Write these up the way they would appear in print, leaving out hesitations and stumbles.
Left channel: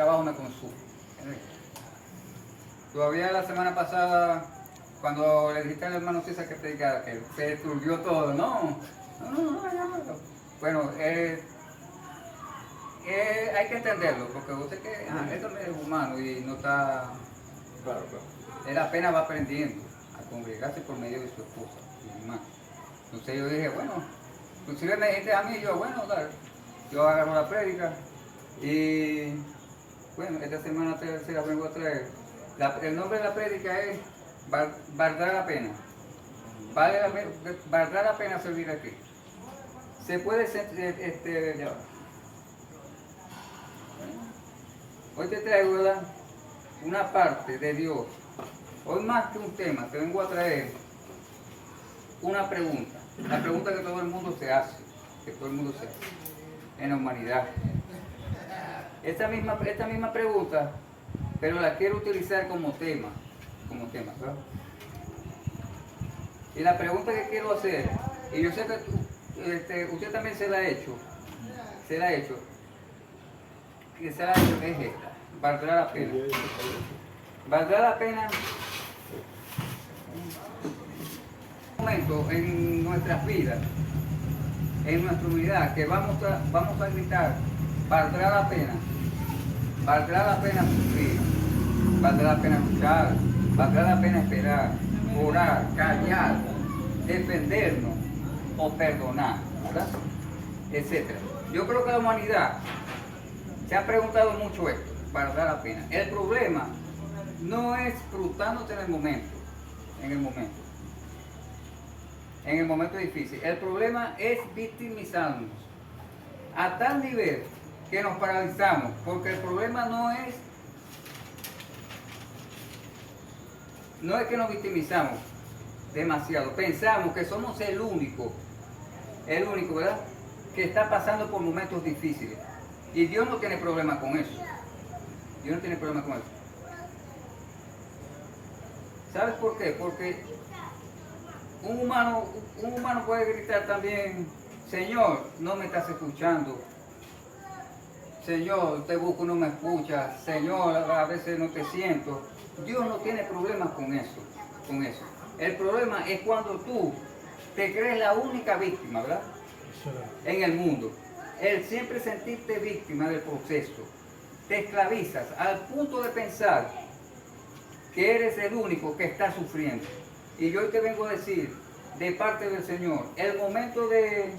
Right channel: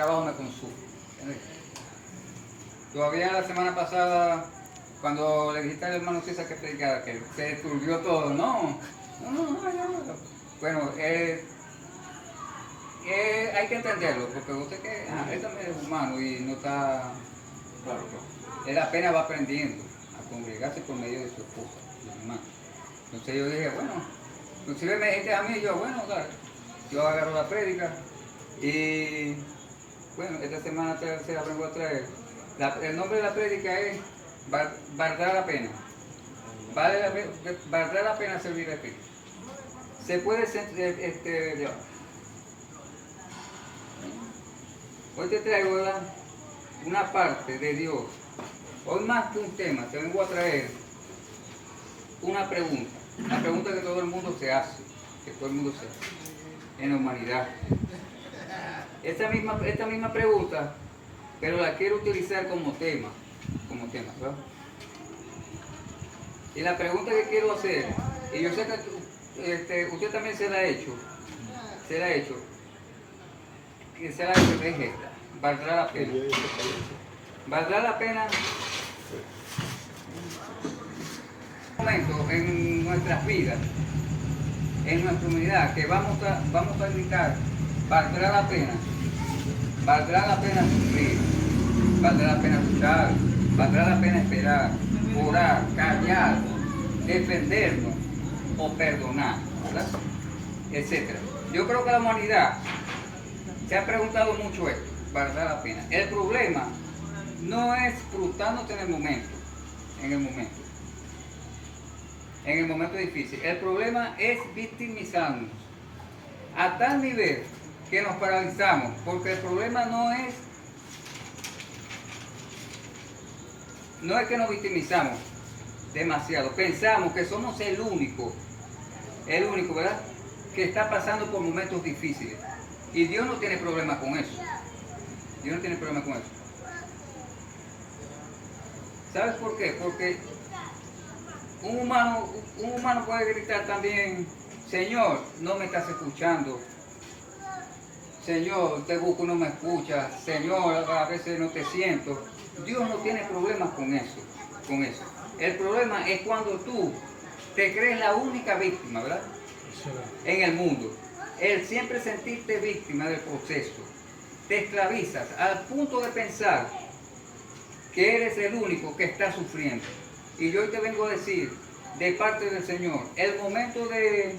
trabajo me consume. Todavía la semana pasada, cuando le dijiste al hermano César que predicara, que se turbió todo, no. Bueno, hay que entenderlo, porque usted que él también es humano y no está, claro. Él apenas va aprendiendo a congregarse por medio de su esposa, mi hermano. Entonces yo dije, bueno, inclusive me dijiste a mí, yo, bueno, dale. Yo agarro la prédica y, bueno, esta semana se la vengo a traer. El nombre de la prédica es Valdrá la pena. Valdrá la pena servir aquí. Se puede hoy te traigo, ¿verdad?, una parte de Dios. Hoy más que un tema, te vengo a traer una pregunta. La pregunta que todo el mundo se hace, que todo el mundo se hace en la humanidad. Esta misma pregunta, pero la quiero utilizar como tema, ¿verdad? Y la pregunta que quiero hacer, y yo sé que usted también se la ha hecho, que es esta: ¿valdrá la pena? ¿Valdrá la pena? Un momento en nuestras vidas, en nuestra unidad, que vamos a gritar: ¿valdrá la pena? ¿Valdrá la pena sufrir? ¿Valdrá la pena luchar? ¿Valdrá la pena esperar, orar, callar, defendernos o perdonar? ¿Verdad? Etcétera. Yo creo que la humanidad se ha preguntado mucho esto: ¿valdrá la pena? El problema no es frustrándote en el momento difícil. El problema es victimizarnos a tal nivel que nos paralizamos, porque el problema no es que nos victimizamos demasiado, pensamos que somos el único, ¿verdad?, que está pasando por momentos difíciles. Y Dios no tiene problema con eso. ¿Sabes por qué? Porque un humano puede gritar también: Señor, no me estás escuchando. Señor, te busco y no me escuchas. Señor, a veces no te siento. Dios no tiene problemas con eso. El problema es cuando tú te crees la única víctima, ¿verdad?, en el mundo. El siempre sentirte víctima del proceso. Te esclavizas al punto de pensar que eres el único que está sufriendo. Y yo hoy te vengo a decir, de parte del Señor, es momento de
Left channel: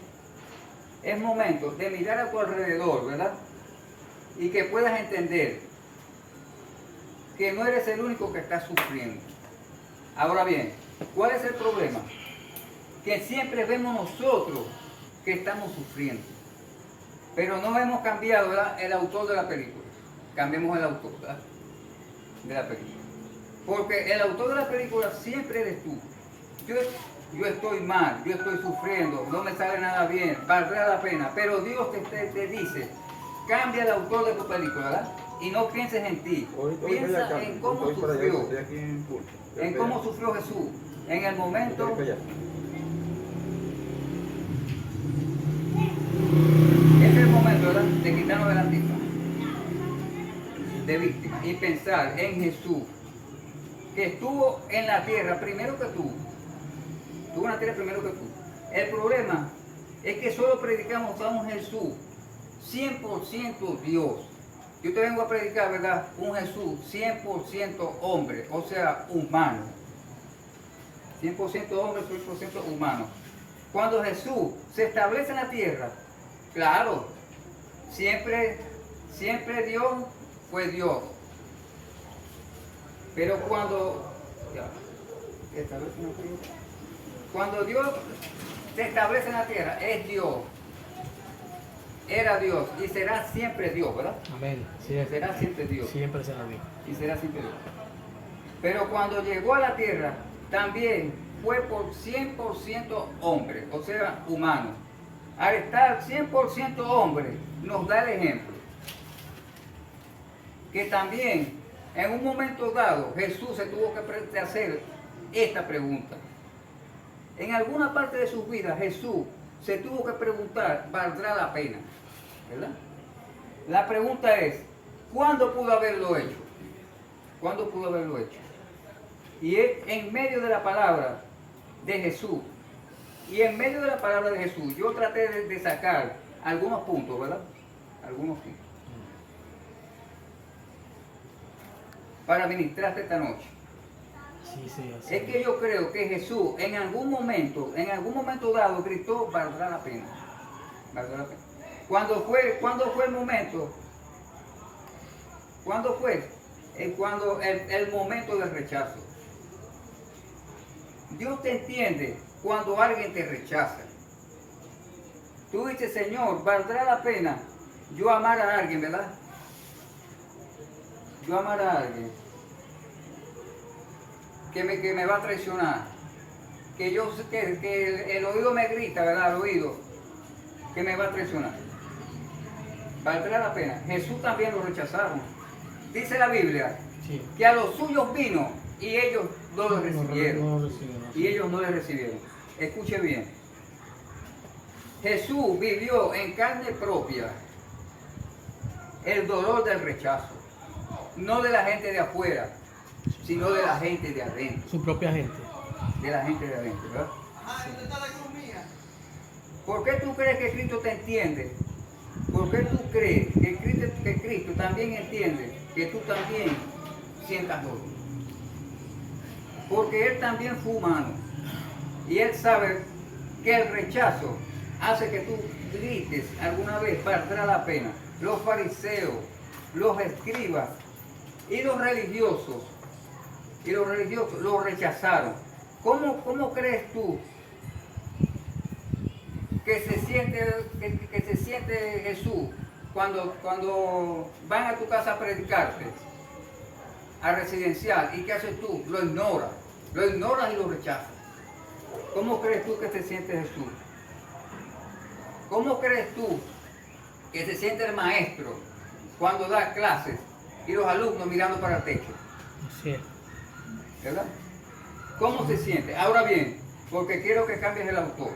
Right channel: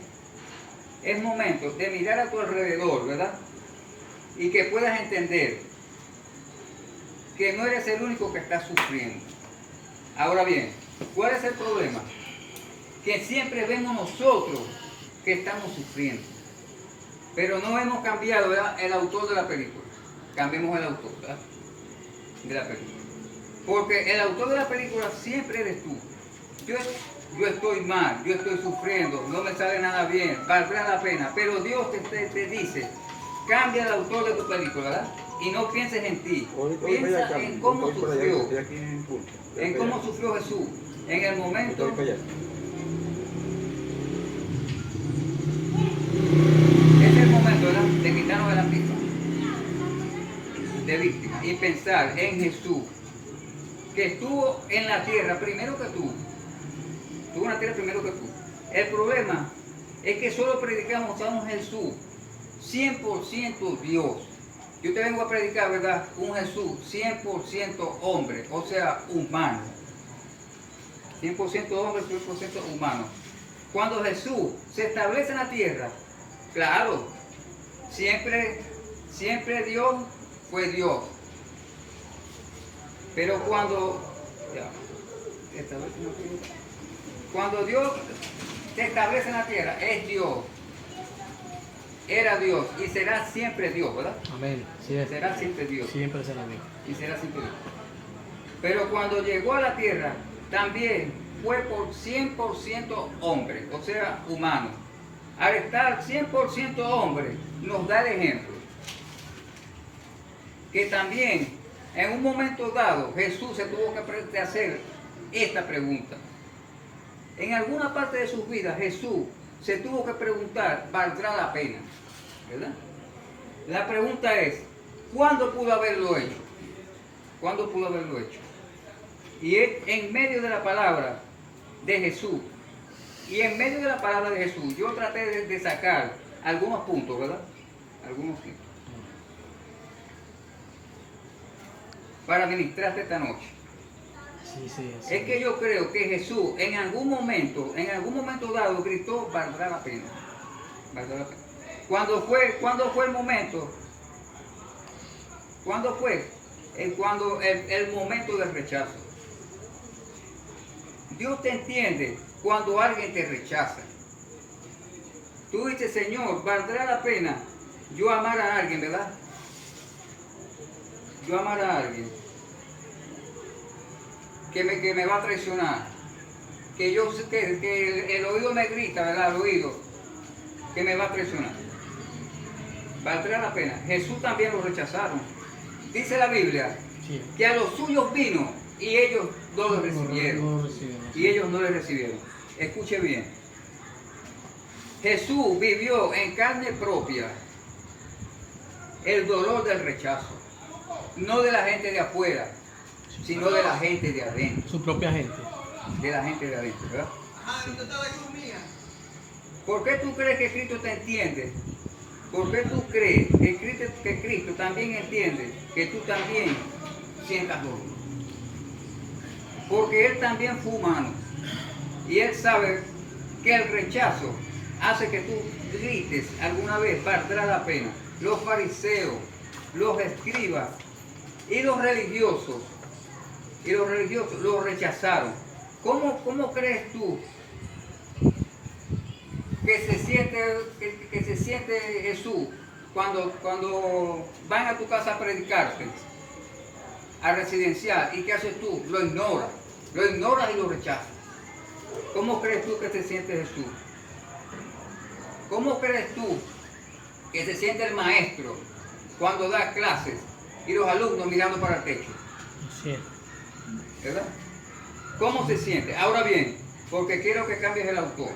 mirar a tu alrededor, ¿verdad?, y que puedas entender que no eres el único que está sufriendo. Ahora bien, ¿cuál es el problema? Que siempre vemos nosotros que estamos sufriendo, pero no hemos cambiado, ¿verdad?, el autor de la película. Cambiemos el autor, ¿verdad?, de la película. Porque el autor de la película siempre eres tú. Yo estoy mal, yo estoy sufriendo, no me sale nada bien, valdrá la pena. Pero Dios te dice: cambia el autor de tu película, ¿verdad?, y no pienses en ti. Piensa en cómo sufrió. En cómo sufrió Jesús. En el momento. Es el momento, ¿verdad?, de quitarnos de la víctima. De víctima. Y pensar en Jesús, que estuvo en la tierra primero que tú. Estuvo en la tierra primero que tú. El problema es que solo predicamos a un Jesús 100% Dios. Yo te vengo a predicar, ¿verdad?, un Jesús 100% hombre, o sea, humano. 100% hombre, 100% humano. Cuando Jesús se establece en la tierra, claro, siempre Dios fue Dios. Pero cuando Dios se establece en la tierra, es Dios. Era Dios y será siempre Dios, ¿verdad? Amén. Sí, será siempre Dios. Siempre será Dios. Y será siempre Dios. Pero cuando llegó a la tierra, también fue por 100% hombre, o sea, humano. Al estar 100% hombre, nos da el ejemplo que también en un momento dado Jesús se tuvo que hacer esta pregunta. En alguna parte de sus vidas Jesús se tuvo que preguntar: ¿valdrá la pena? ¿Verdad? La pregunta es: ¿Cuándo pudo haberlo hecho? ¿Cuándo pudo haberlo hecho? Y es en medio de la palabra de Jesús. Y en medio de la palabra de Jesús, yo traté de sacar algunos puntos, ¿verdad? Algunos puntos. Para ministrarte esta noche. Sí. Es que yo creo que Jesús en algún momento dado gritó, valdrá la pena. Valdrá la pena. ¿Cuándo fue el momento? ¿Cuándo fue? Cuando el momento del rechazo. Dios te entiende cuando alguien te rechaza. Tú dices, Señor, valdrá la pena yo amar a alguien, ¿verdad? Yo amar a alguien que me va a traicionar, que el oído me grita, ¿verdad? El oído, que me va a traicionar. Valdrá la pena. Jesús también lo rechazaron. Dice la Biblia que a los suyos vino y ellos no lo recibieron. Y ellos no le recibieron. Escuche bien. Jesús vivió en carne propia el dolor del rechazo. No de la gente de afuera, sino de la gente de adentro. Su propia gente. De la gente de adentro, ¿verdad? ¿Por qué tú crees que Cristo te entiende? ¿Por qué tú crees que Cristo también entiende que tú también sientas dolor? Porque Él también fue humano. Y Él sabe que el rechazo hace que tú grites alguna vez, valdrá la pena. Los fariseos, los escribas y los religiosos lo rechazaron. ¿Cómo crees tú que se siente Jesús cuando van a tu casa a predicarte, a residencial? ¿Y qué haces tú? Lo ignoras y lo rechazas. ¿Cómo crees tú que se siente Jesús? ¿Cómo crees tú que se siente el maestro cuando da clases y los alumnos mirando para el techo? Así es. ¿Verdad? ¿Cómo se siente? Ahora bien, porque quiero que cambies el autor.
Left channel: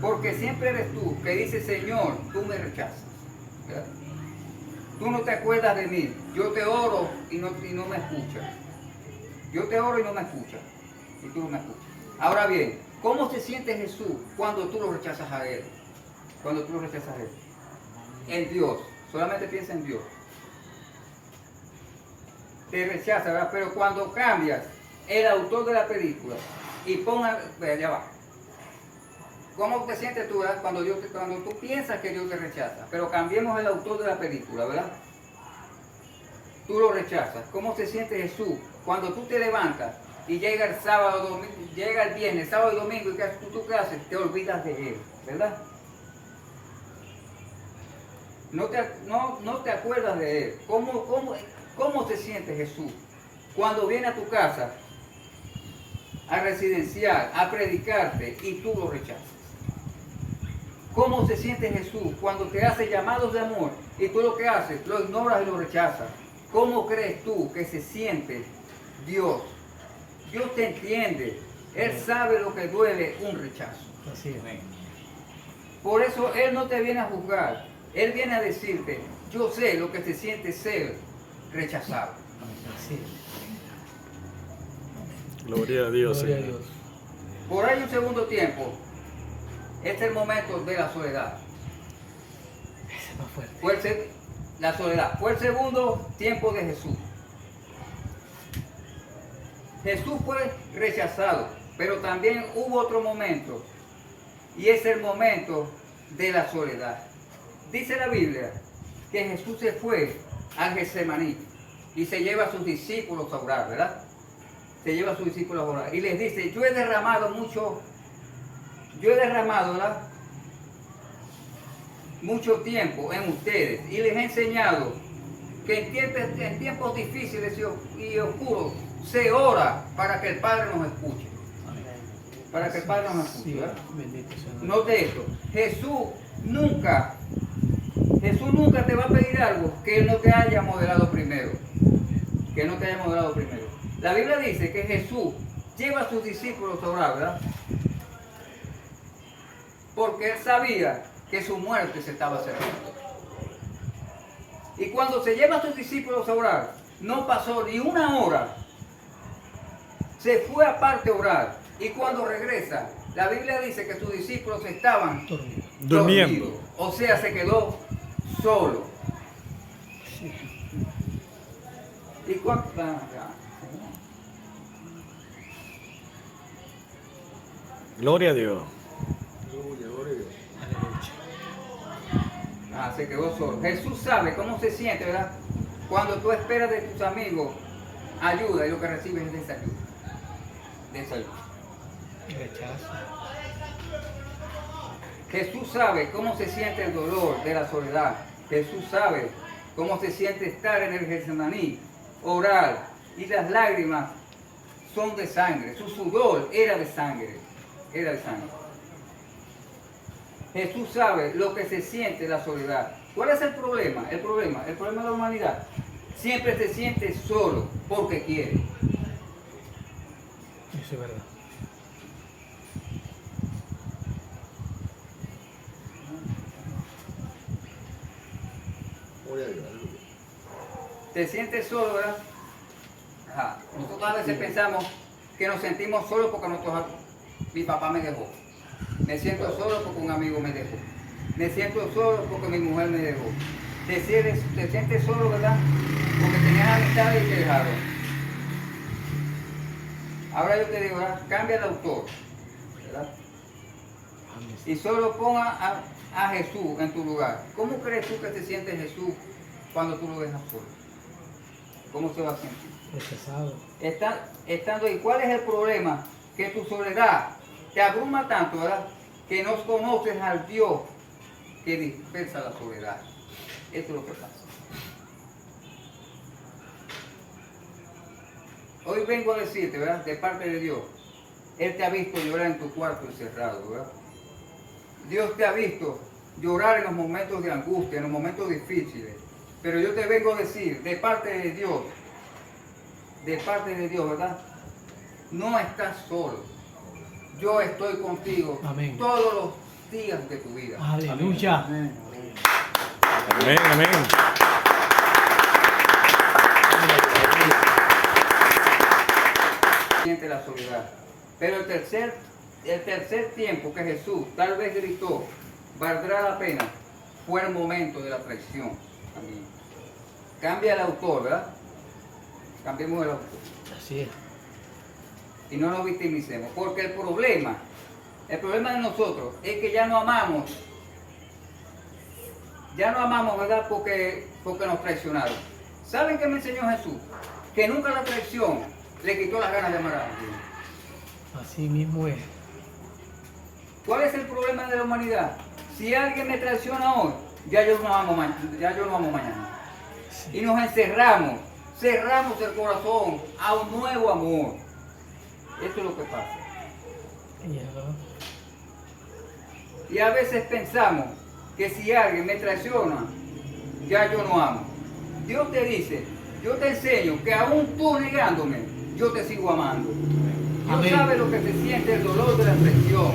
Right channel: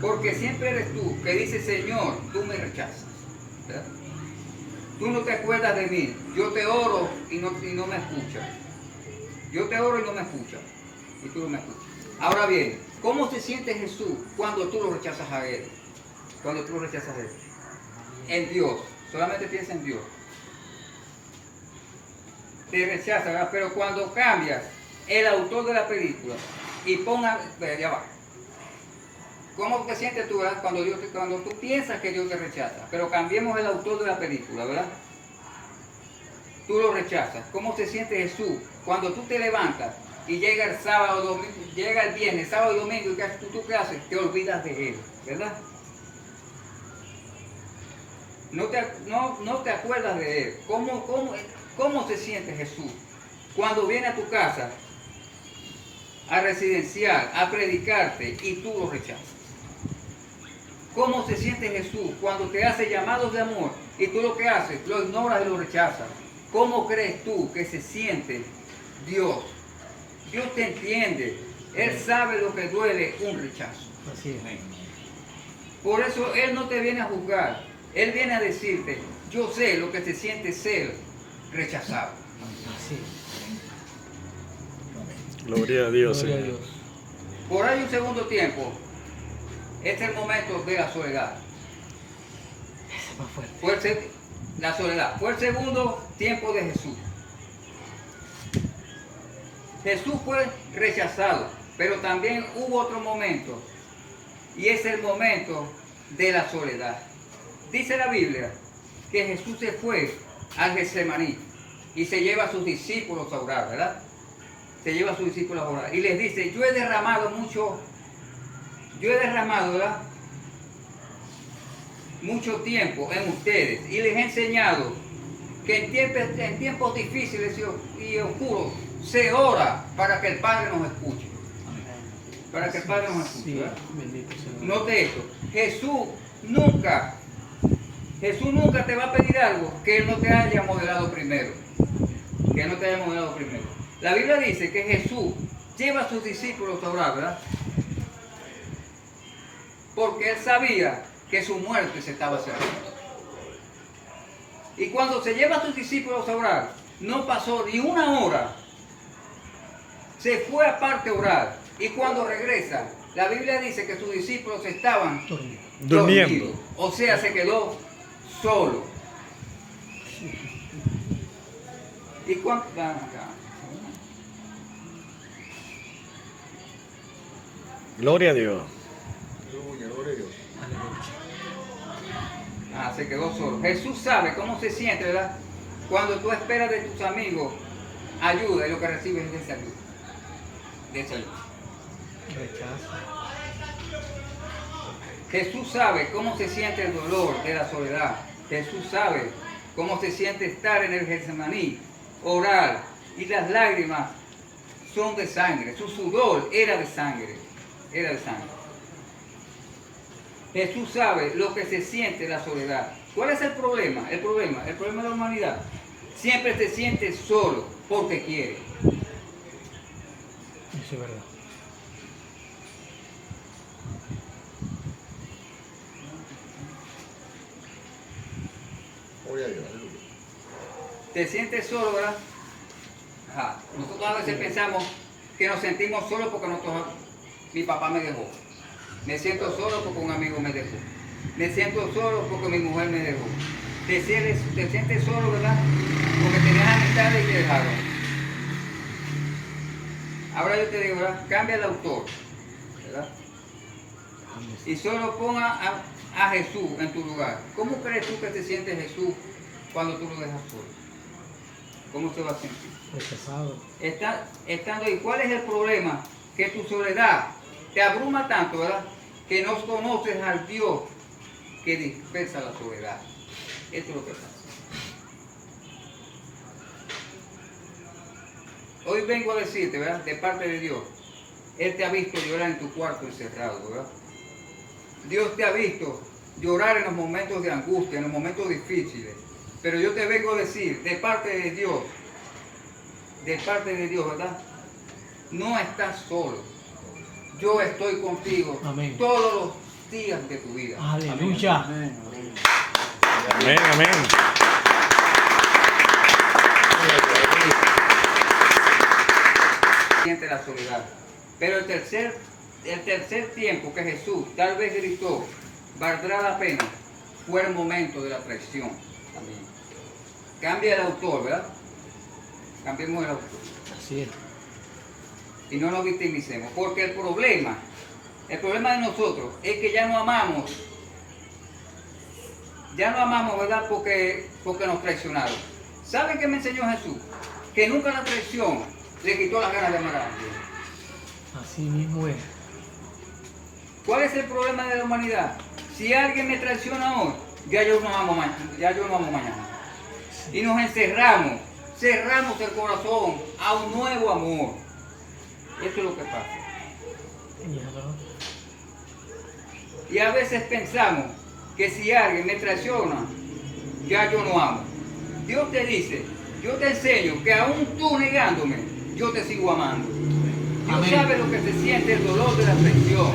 Porque siempre eres tú que dices, Señor, tú me rechazas. ¿Verdad? Tú no te acuerdas de mí. Yo te oro y no me escuchas. Yo te oro y no me escuchas. Y tú no me escuchas. Ahora bien, ¿cómo se siente Jesús cuando tú lo rechazas a Él? Cuando tú lo rechazas a Él. En Dios. Solamente piensa en Dios. Te rechaza, ¿verdad? Pero cuando cambias el autor de la película y ponga, allá va. ¿Cómo te sientes tú, verdad? Cuando tú piensas que Dios te rechaza, pero cambiemos el autor de la película, ¿verdad? Tú lo rechazas. ¿Cómo se siente Jesús cuando tú te levantas y llega el sábado, domingo, llega el viernes, sábado y domingo, y ¿tú qué haces? Te olvidas de Él, ¿verdad? No te acuerdas de Él. ¿Cómo se siente Jesús cuando viene a tu casa a residencial, a predicarte y tú lo rechazas? ¿Cómo se siente Jesús cuando te hace llamados de amor y tú lo que haces, lo ignoras y lo rechazas? ¿Cómo crees tú que se siente Dios? Dios te entiende. Él sabe lo que duele un rechazo. Así es. Por eso Él no te viene a juzgar. Él viene a decirte, yo sé lo que se siente ser rechazado. Sí. Gloria a Dios, Gloria a Señor. Dios. Por ahí un segundo tiempo, este es el momento de la soledad. Ese es más fuerte. La soledad. Fue el segundo tiempo de Jesús. Jesús fue rechazado, pero también hubo otro momento, y es el momento de la soledad. Dice la Biblia que Jesús se fue al Getsemaní y se lleva a sus discípulos a orar, ¿verdad? Se lleva a sus discípulos a orar y les dice, yo he derramado, ¿verdad? Mucho tiempo en ustedes y les he enseñado que en tiempos difíciles y oscuros se ora para que el Padre nos escuche. Para que el Padre nos escuche. Sí, ¿verdad? bendito Señor. Note esto, Jesús nunca te va a pedir algo que Él no te haya modelado primero. Que no te haya modelado primero. La Biblia dice que Jesús lleva a sus discípulos a orar, ¿verdad? Porque Él sabía que su muerte se estaba acercando. Y cuando se lleva a sus discípulos a orar, no pasó ni una hora. Se fue aparte a orar. Y cuando regresa, la Biblia dice que sus discípulos estaban Durmiendo. dormidos. O sea, se quedó solo. ¿Y cuánto? Gloria a Dios. Aleluya. Se quedó solo. Jesús sabe cómo se siente, ¿verdad? Cuando tú esperas de tus amigos ayuda y lo que recibes es desayuno. Desayuno. Rechazo. Jesús sabe cómo se siente el dolor de la soledad. Jesús sabe cómo se siente estar en el Getsemaní, orar, y las lágrimas son de sangre. Su sudor era de sangre. Era de sangre. Jesús sabe lo que se siente la soledad. ¿Cuál es el problema? El problema de la humanidad. Siempre se siente solo porque quiere. Eso es verdad. Te sientes solo, ¿verdad? Ajá. Nosotros a veces pensamos que nos sentimos solos porque mi papá me dejó. Me siento solo porque un amigo me dejó. Me siento solo porque mi mujer me dejó. Te sientes solo, ¿verdad? Porque tenías amistades y te dejaron. Ahora yo te digo, ¿verdad? Cambia el autor, ¿verdad? Y solo ponga a Jesús en tu lugar. ¿Cómo crees tú que te siente Jesús cuando tú lo dejas solo? ¿Cómo se va a sentir? Rechazado. Estando ahí, ¿cuál es el problema? Que tu soledad te abruma tanto, ¿verdad? Que no conoces al Dios que dispersa la soledad. Esto es lo que pasa. Hoy vengo a decirte, ¿verdad? De parte de Dios. Él te ha visto llorar en tu cuarto encerrado, ¿verdad? Dios te ha visto llorar en los momentos de angustia, en los momentos difíciles. Pero yo te vengo a decir, de parte de Dios, ¿verdad? No estás solo. Yo estoy contigo. Amén. Todos los días de tu vida. Aleluya. Amén, amén. Siente la soledad. Pero el tercer tiempo que Jesús tal vez gritó, valdrá la pena, fue el momento de la traición. También. Cambia el autor, ¿verdad? Cambiemos el autor. Así es. Y no nos victimicemos. Porque el problema de nosotros es que ya no amamos. Ya no amamos, ¿verdad? Porque nos traicionaron. ¿Saben qué me enseñó Jesús? Que nunca la traición le quitó las ganas de amar a alguien. Así mismo es. ¿Cuál es el problema de la humanidad? Si alguien me traiciona hoy, ya yo no amo mañana. Y nos encerramos, cerramos el corazón a un nuevo amor. Eso es lo que pasa. Y a veces pensamos que si alguien me traiciona, ya yo no amo. Dios te dice, yo te enseño que aún tú negándome, yo te sigo amando. Dios Amén. sabe lo que se siente el dolor de la traición.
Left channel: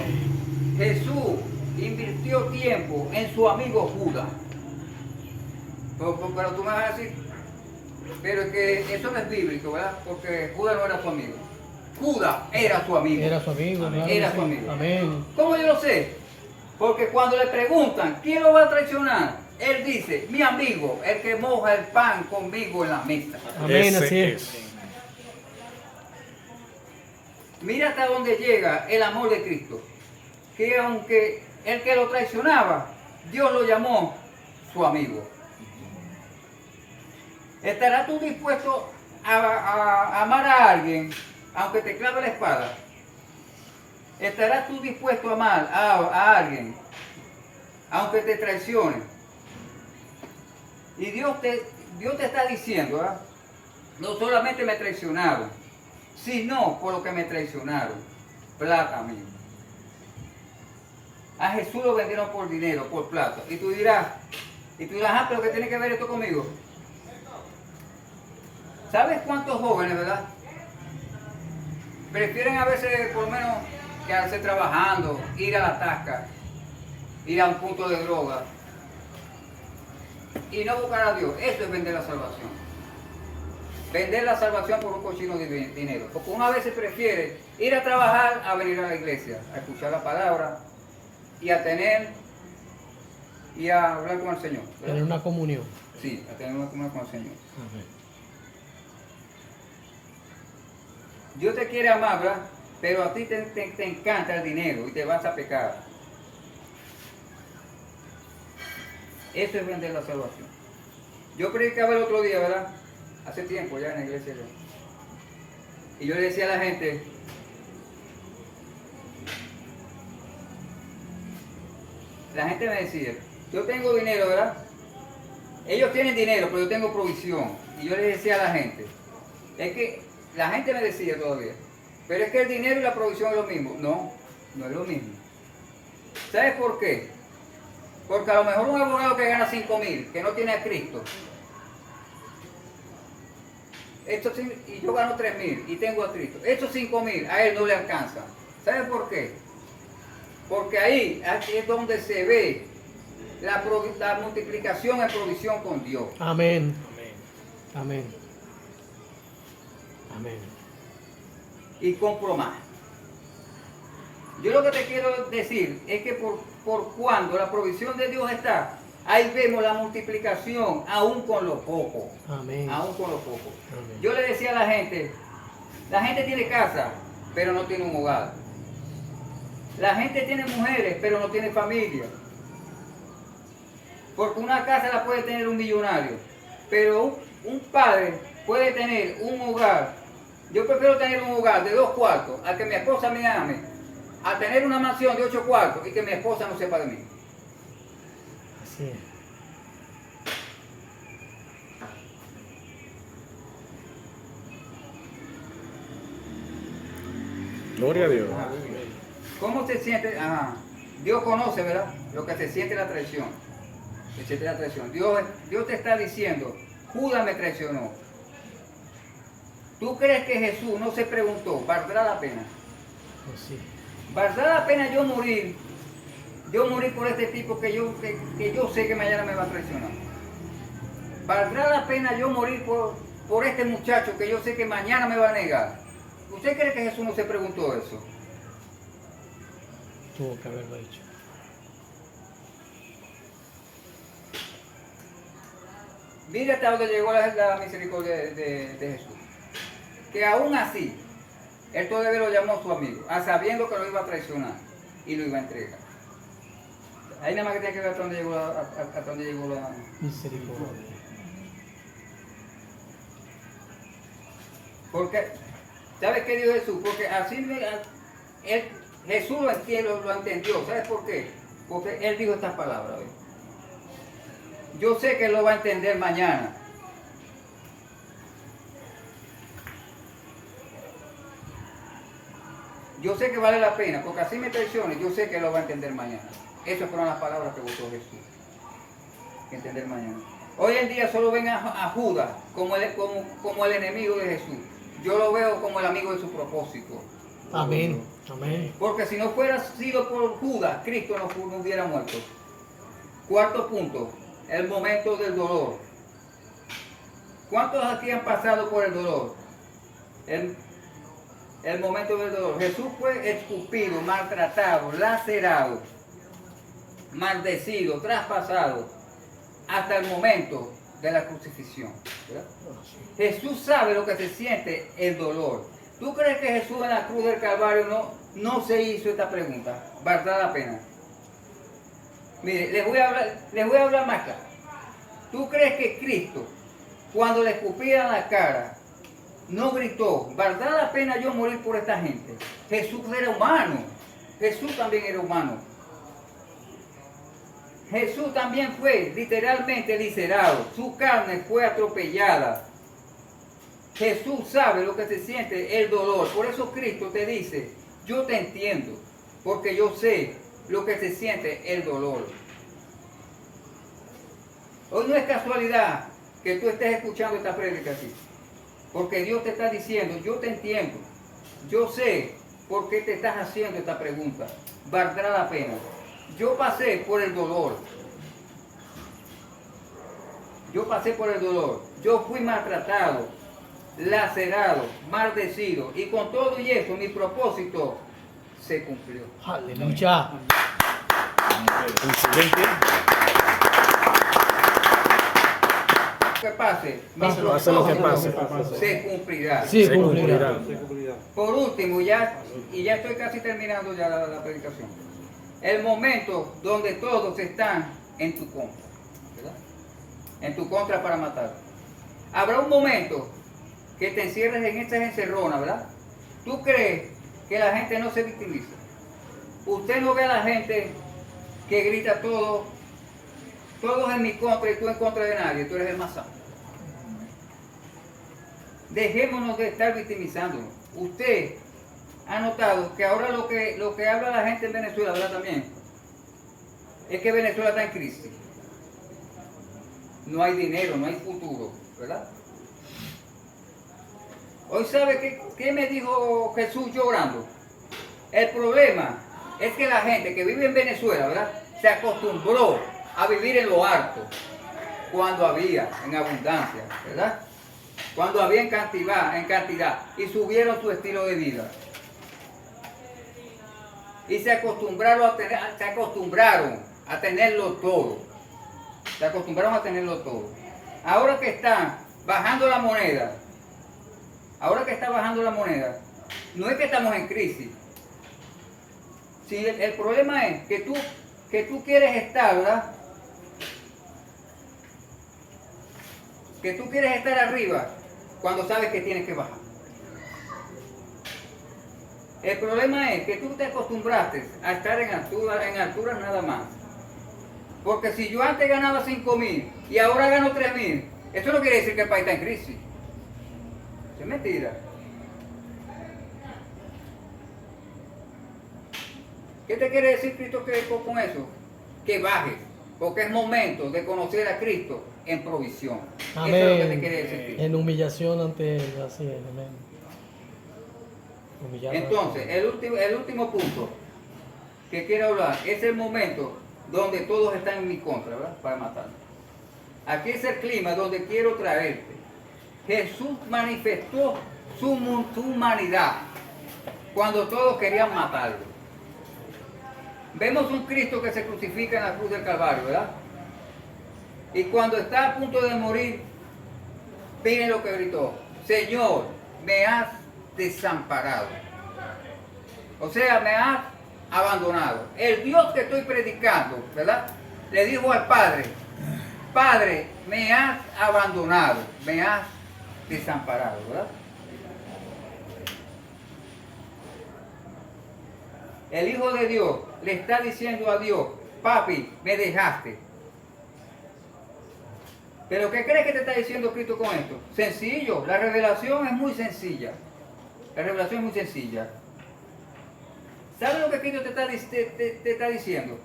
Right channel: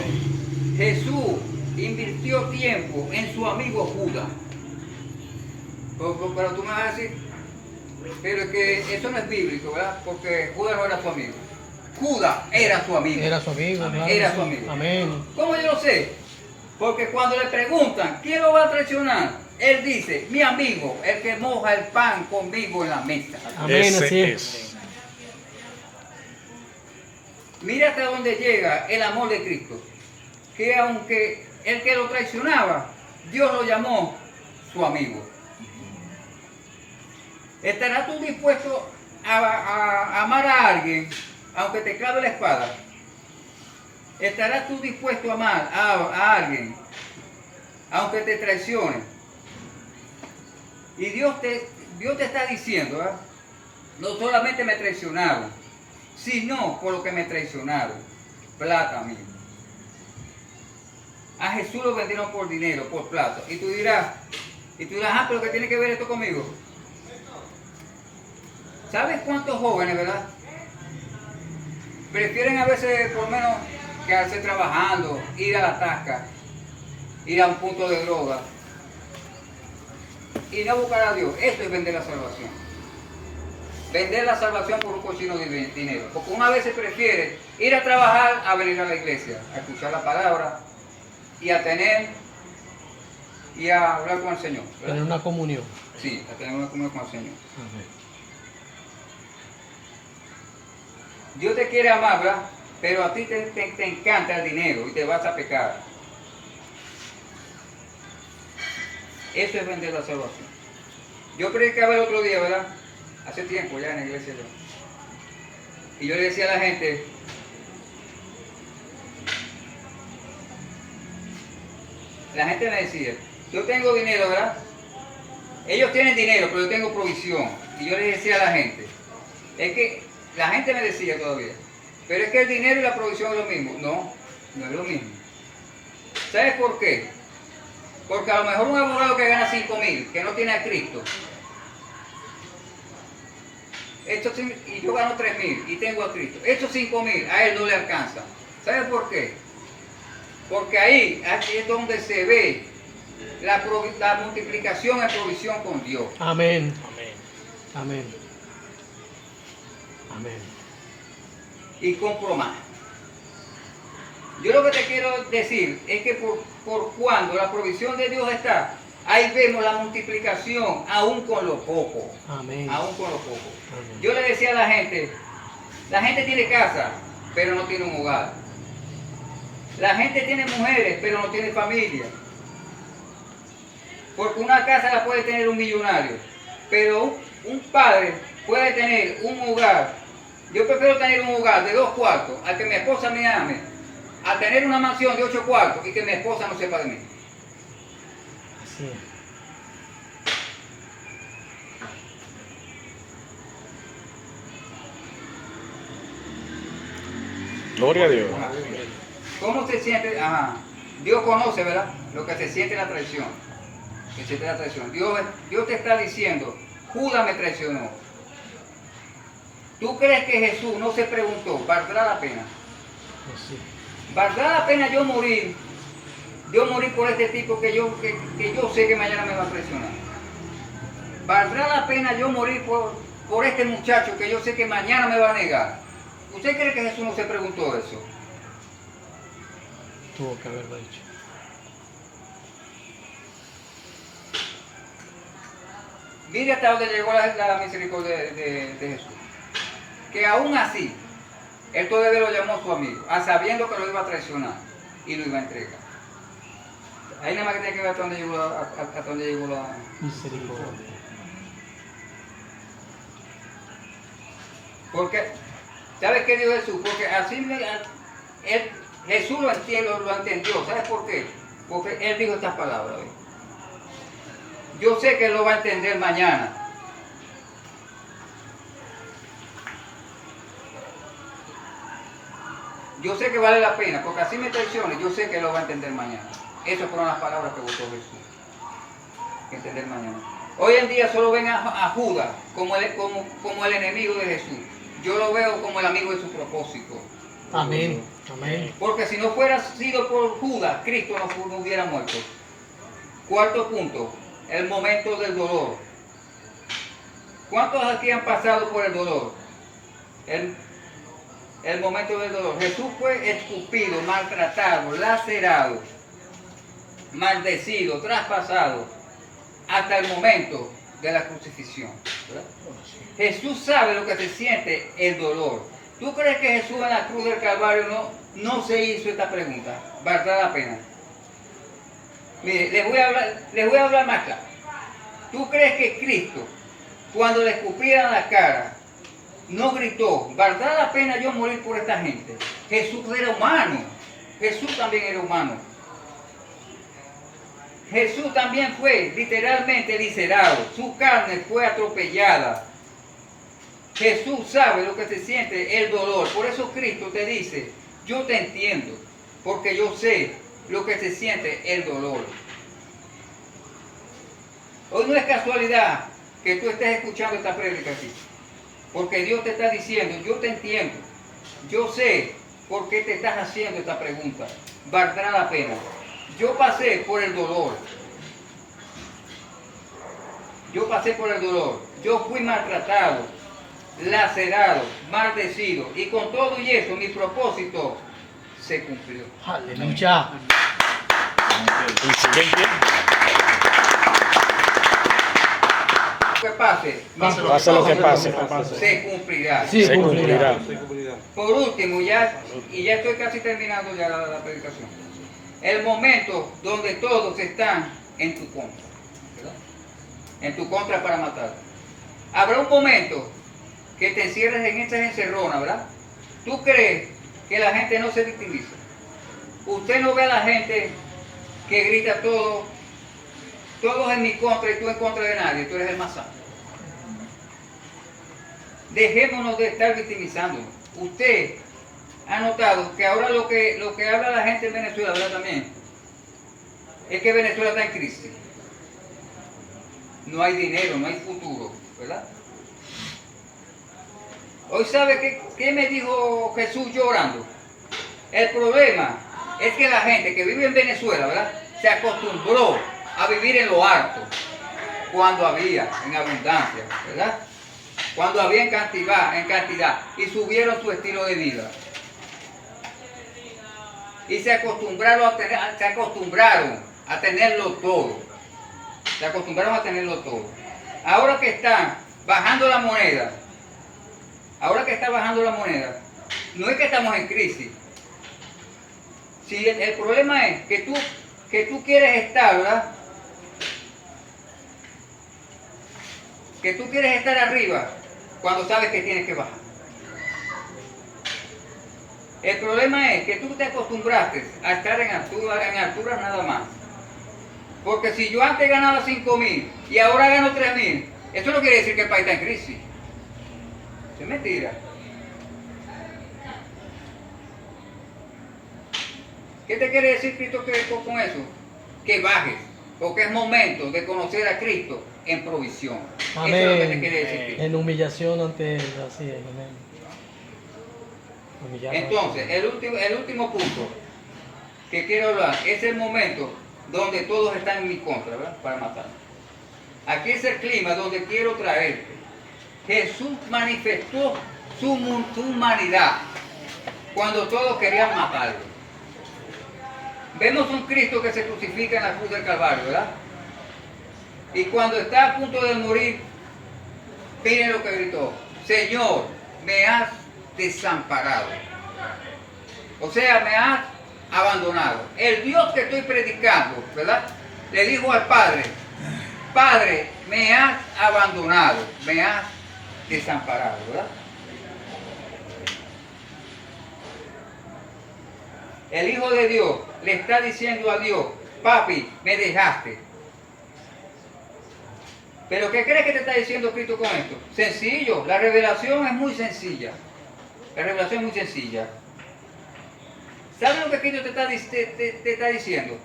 Jesús invirtió tiempo en su amigo Judas. Pero tú me vas a decir, pero es que eso no es bíblico, ¿verdad? Porque Judas no era su amigo. Judas era su amigo. Era su amigo. Amén. Claro, Era sí. su amigo. Amén. ¿Cómo yo lo sé? Porque cuando le preguntan, ¿quién lo va a traicionar? Él dice, mi amigo, el que moja el pan conmigo en la mesa. Amén, Ese así es. Mira hasta dónde llega el amor de Cristo. Que aunque el que lo traicionaba, Dios lo llamó su amigo. ¿Estarás tú dispuesto a amar a alguien, aunque te clave la espada? ¿Estarás tú dispuesto a amar a alguien, aunque te traicione? Y Dios te está diciendo, ¿verdad? No solamente me traicionaron, sino por lo que me traicionaron, plata mismo. A Jesús lo vendieron por dinero, por plata. Y tú dirás, pero ¿qué tiene que ver esto conmigo? ¿Sabes cuántos jóvenes, verdad? Prefieren a veces por lo menos quedarse trabajando, ir a la tasca, ir a un punto de droga, y no buscar a Dios. Esto es vender la salvación. Vender la salvación por un cochino de dinero. Porque una vez se prefiere ir a trabajar a venir a la iglesia, a escuchar la palabra y a tener y a hablar con el Señor. ¿verdad? Tener una comunión. Sí, a tener una comunión con el Señor. Amén. Dios te quiere amar, ¿verdad? Pero a ti te encanta el dinero y te vas a pecar. Eso es vender la salvación. Yo predicaba el otro día, ¿verdad? Hace tiempo ya en la iglesia. ¿verdad? Y yo le decía a la gente, me decía, yo tengo dinero, ¿verdad? Ellos tienen dinero, pero yo tengo provisión. Y yo le decía a la gente, es que la gente me decía todavía, pero es que el dinero y la provisión es lo mismo. No, no es lo mismo. ¿Sabes por qué? Porque a lo mejor un abogado que gana 5,000, que no tiene a Cristo, y yo gano 3,000 y tengo a Cristo, estos 5,000 a él no le alcanza. ¿Sabes por qué? Porque ahí es donde se ve la multiplicación en provisión con Dios. Amén. Amén. Amén. Amén. Y compro más. Yo lo que te quiero decir es que por cuando la provisión de Dios está, ahí vemos la multiplicación aún con lo poco. Amén. Aún con lo poco. Amén. Yo le decía a la gente tiene casa, pero no tiene un hogar. La gente tiene mujeres, pero no tiene familia. Porque una casa la puede tener un millonario, pero un padre puede tener un hogar. Yo prefiero tener un hogar de 2 cuartos a que mi esposa me ame, a tener una mansión de 8 cuartos y que mi esposa no sepa de mí. Así es. Gloria a Dios. ¿Cómo se siente? Ajá. Dios conoce, ¿verdad? Lo que se siente la traición. Que se siente la traición. Dios te está diciendo, Judas me traicionó. ¿Tú crees que Jesús no se preguntó, ¿valdrá la pena? Así. ¿Valdrá la pena yo morir? Yo morir por este tipo que yo sé que mañana me va a traicionar. ¿Valdrá la pena yo morir por este muchacho que yo sé que mañana me va a negar? ¿Usted cree que Jesús no se preguntó eso? Tuvo que haberlo hecho. Mire hasta donde llegó la misericordia de Jesús. Que aún así, él todavía lo llamó a su amigo, a sabiendo que lo iba a traicionar y lo iba a entregar. Ahí nada más que tiene que ver hasta donde llegó la Misericordia. Porque, ¿sabes qué dijo Jesús? Porque así Jesús lo entendió. ¿Sabes por qué? Porque él dijo estas palabras. ¿ves? Yo sé que él lo va a entender mañana. Yo sé que vale la pena, porque así me traicione, yo sé que él lo va a entender mañana. Esas fueron las palabras que votó Jesús. Que entender mañana. Hoy en día solo ven a Judas como el enemigo de Jesús. Yo lo veo como el amigo de su propósito. Amén. Amén. Porque si no fuera sido por Judas, Cristo no hubiera muerto. Cuarto punto, el momento del dolor. ¿Cuántos aquí han pasado por el dolor? El momento del dolor. Jesús fue escupido, maltratado, lacerado, maldecido, traspasado, hasta el momento de la crucifixión. ¿verdad? Jesús sabe lo que se siente el dolor. ¿Tú crees que Jesús en la cruz del Calvario no se hizo esta pregunta? ¿Valdrá la pena? Mire, les voy a hablar más claro. ¿Tú crees que Cristo, cuando le escupieran la cara, no gritó, ¿valdrá la pena yo morir por esta gente? Jesús era humano. Jesús también era humano. Jesús también fue literalmente licerado. Su carne fue atropellada. Jesús sabe lo que se siente el dolor. Por eso Cristo te dice, yo te entiendo, porque yo sé lo que se siente el dolor. Hoy no es casualidad que tú estés escuchando esta prédica aquí. Porque Dios te está diciendo, yo te entiendo, yo sé por qué te estás haciendo esta pregunta. ¿Valdrá la pena? Yo pasé por el dolor. Yo pasé por el dolor. Yo fui maltratado, lacerado, maldecido. Y con todo y eso, mi propósito se cumplió. Aleluya. El siguiente. Que pase, mi Pase lo que pase. se cumplirá. Sí, Se cumplirá. cumplirá. Por último, ya estoy casi terminando ya la predicación. El momento donde todos están en tu contra, ¿verdad? En tu contra para matar. Habrá un momento que te encierres en estas encerronas, ¿verdad? ¿Tú crees que la gente no se victimiza? Usted no ve a la gente que grita todos en mi contra y tú en contra de nadie, tú eres el más santo. Dejémonos de estar victimizándonos. Usted ha notado que ahora lo que habla la gente en Venezuela, ¿verdad? También es que Venezuela está en crisis. No hay dinero, no hay futuro, ¿verdad? Hoy sabe qué me dijo Jesús llorando. El problema es que la gente que vive en Venezuela, ¿verdad? Se acostumbró a vivir en lo alto cuando había, en abundancia, ¿verdad? Cuando había en cantidad, y subieron su estilo de vida. Y se acostumbraron a tenerlo todo. Se acostumbraron a tenerlo todo. Ahora que está bajando la moneda, no es que estamos en crisis. Si el problema es que tú quieres estar, ¿verdad? Que tú quieres estar arriba cuando sabes que tienes que bajar. El problema es que tú te acostumbraste a estar en alturas nada más. Porque si yo antes ganaba 5,000 y ahora gano 3,000, eso no quiere decir que el país está en crisis. Es mentira. ¿Qué te quiere decir Cristo con eso? Que bajes, porque es momento de conocer a Cristo en provisión. Amén. Eso es lo que te quiere decir Cristo. En humillación ante Él, así es, amén. Humillarnos. Entonces, el último punto que quiero hablar es el momento donde todos están en mi contra, ¿verdad? Para matarme. Aquí es el clima donde quiero traerte. Jesús manifestó su humanidad cuando todos querían matarlo. Vemos un Cristo que se crucifica en la cruz del Calvario, ¿verdad? Y cuando está a punto de morir, miren lo que gritó: Señor, me has desamparado. O sea, me has abandonado. El Dios que estoy predicando, ¿verdad? Le dijo al Padre: Padre, me has abandonado, me has desamparado, ¿verdad? El Hijo de Dios le está diciendo a Dios: Papi, me dejaste. ¿Pero qué crees que te está diciendo Cristo con esto? Sencillo, la revelación es muy sencilla. La revelación es muy sencilla. ¿Sabes lo que Cristo te está diciendo?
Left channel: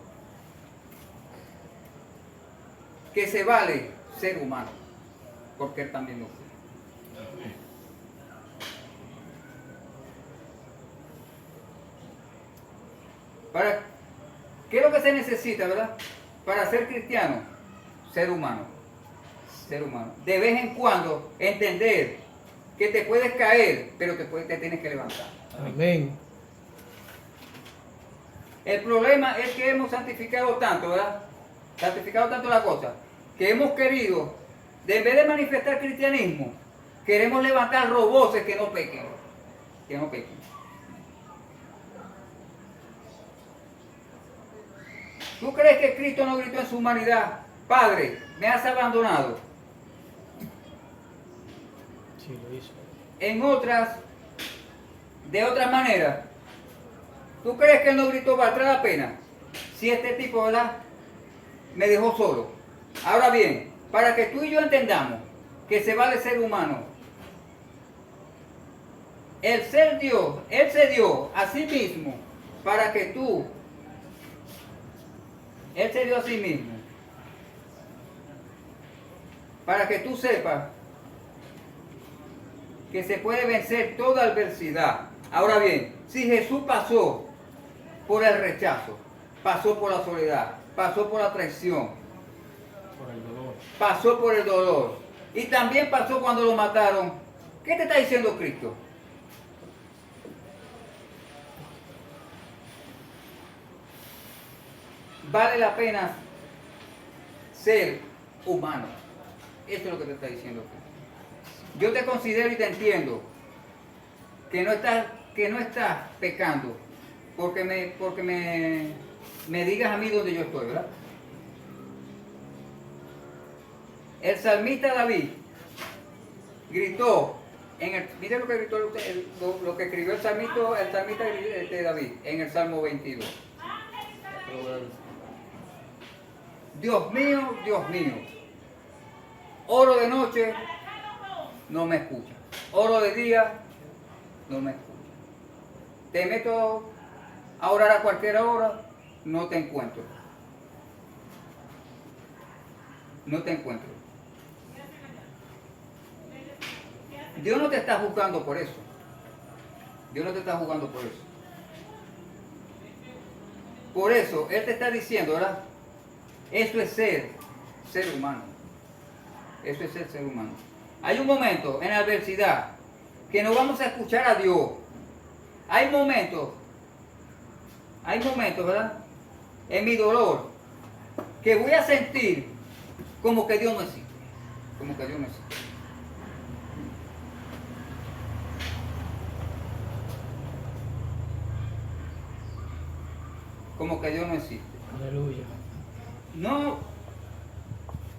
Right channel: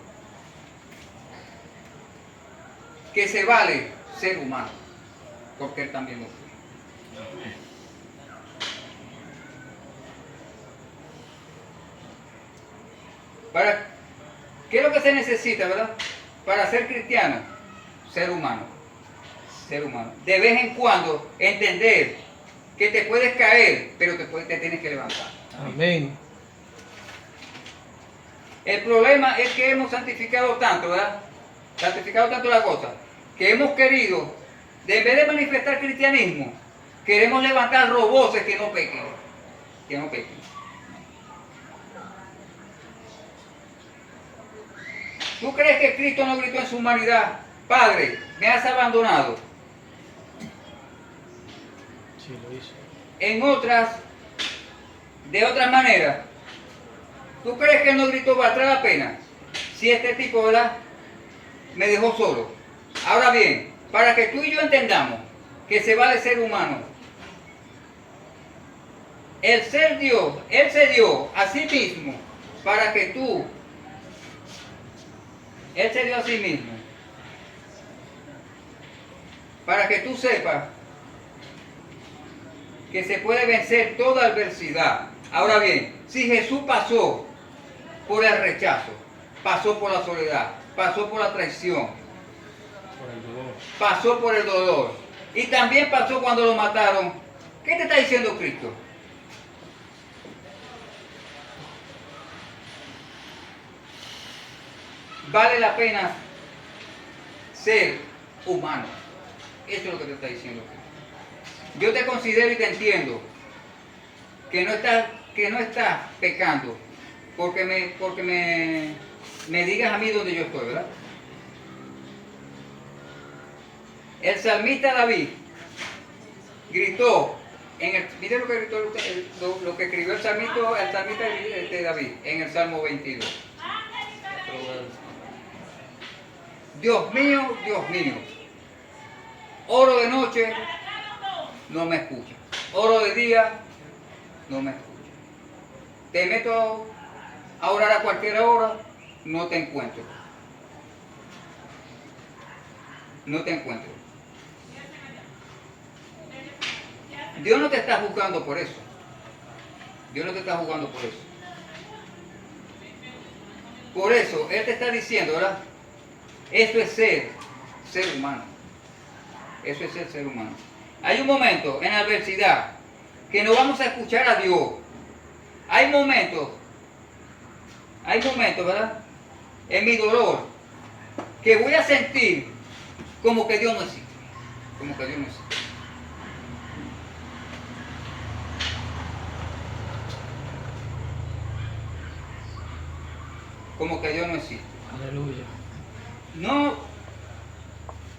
Que se vale ser humano, porque Él también lo fue. ¿Qué es lo que se necesita, verdad? Para ser cristiano, ser humano. Ser humano. De vez en cuando entender que te puedes caer, pero te tienes que levantar. Amén. El problema es que hemos santificado tanto, ¿verdad? Santificado tanto la cosa, que hemos querido, en vez de manifestar cristianismo, queremos levantar roboces que no pequen. Que no pequen. ¿Tú crees que Cristo no gritó en su humanidad: Padre, me has abandonado? Sí, lo hizo. De otras maneras, ¿tú crees que Él no gritó: valdrá la pena si este tipo, ¿verdad?, me dejó solo? Ahora bien, para que tú y yo entendamos que se vale ser humano, el ser Dios, Él se dio a sí mismo para que tú, Él se dio a sí mismo para que tú sepas que se puede vencer toda adversidad. Ahora bien, si Jesús pasó por el rechazo, pasó por la soledad, pasó por la traición, Por el dolor. pasó por el dolor y también pasó cuando lo mataron. ¿Qué te está diciendo Cristo? Vale la pena ser humano. Eso es lo que te está diciendo Cristo. Yo te considero y te entiendo que no estás pecando porque me digas a mí donde yo estoy, ¿verdad? El salmista David gritó, mire lo que gritó, lo que escribió el salmista de David en el Salmo 22. Dios mío, oro de noche, no me escucha. Oro de día, no me escucha. Te meto a orar a cualquier hora, no te encuentro. No te encuentro. Dios no te está juzgando por eso. Dios no te está juzgando por eso. Por eso, Él te está diciendo, ¿verdad? Eso es ser humano. Eso es ser humano. Hay un momento en la adversidad que no vamos a escuchar a Dios. Hay momentos, ¿verdad? En mi dolor, que voy a sentir como que Dios no existe. Como que Dios no existe. Como que Dios no existe. Aleluya. No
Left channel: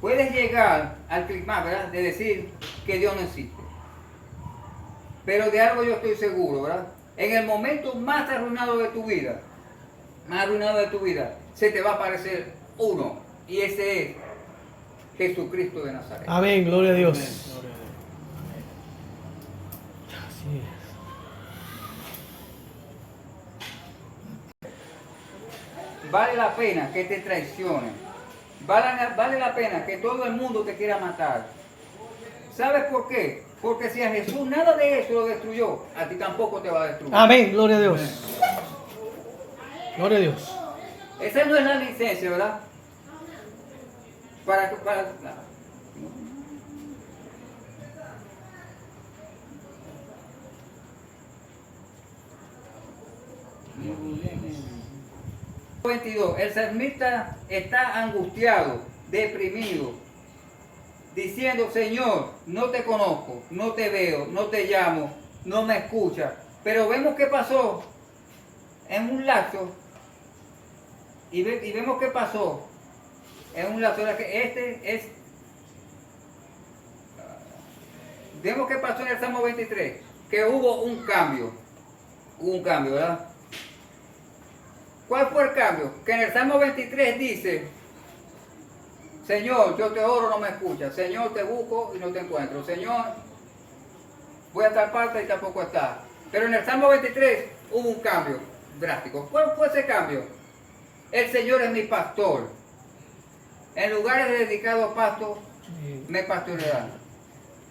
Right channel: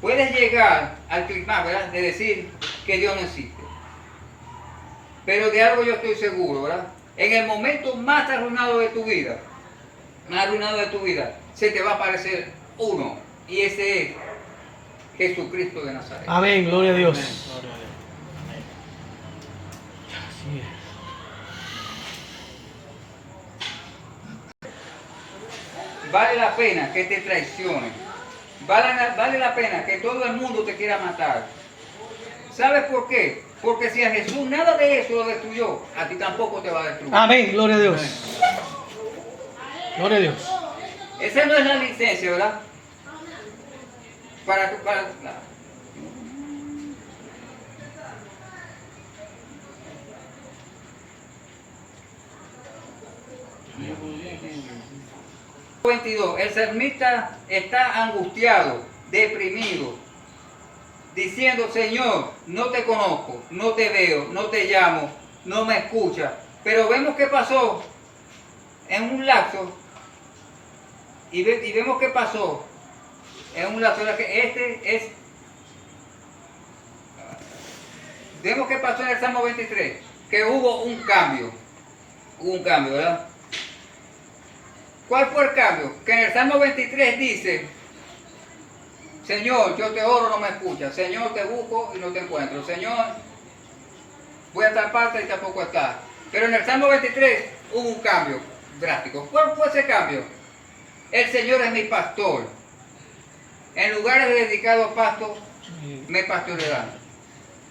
puedes llegar al clima, ¿verdad? De decir que Dios no existe. Pero de algo yo estoy seguro, ¿verdad? En el momento más arruinado de tu vida, se te va a aparecer uno. Y ese es Jesucristo de Nazaret. Amén, gloria a Dios. Gloria a Dios. Así es. Vale la pena que te traicionen. Vale la pena que todo el mundo te quiera matar. ¿Sabes por qué? Porque si a Jesús nada de eso lo destruyó, a ti tampoco te va a destruir. Amén, gloria a Dios. Gloria a Dios. Esa no es la licencia, ¿verdad? Para el salmista está angustiado, deprimido, diciendo: Señor, no te conozco, no te veo, no te llamo, no me escuchas. Pero vemos qué pasó en un lapso, y vemos qué pasó en un lapso, que vemos qué pasó en el Salmo 23, que hubo un cambio, ¿verdad? ¿Cuál fue el cambio? Que en el Salmo 23 dice: Señor, yo te oro, no me escuchas. Señor, te busco y no te encuentro. Señor, voy a tal parte y tampoco está. Pero en el Salmo 23 hubo un cambio drástico. ¿Cuál fue ese cambio? El Señor es mi pastor. En lugares dedicados a pasto me pastorearán.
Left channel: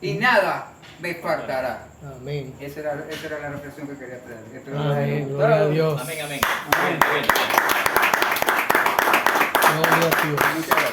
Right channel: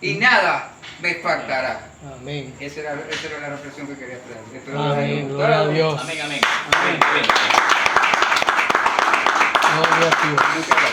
Y nada me faltará. Amén. Esa era la reflexión que quería traer. Amén, gloria a Dios. Amén, amén. Gloria a Dios. Muchas gracias.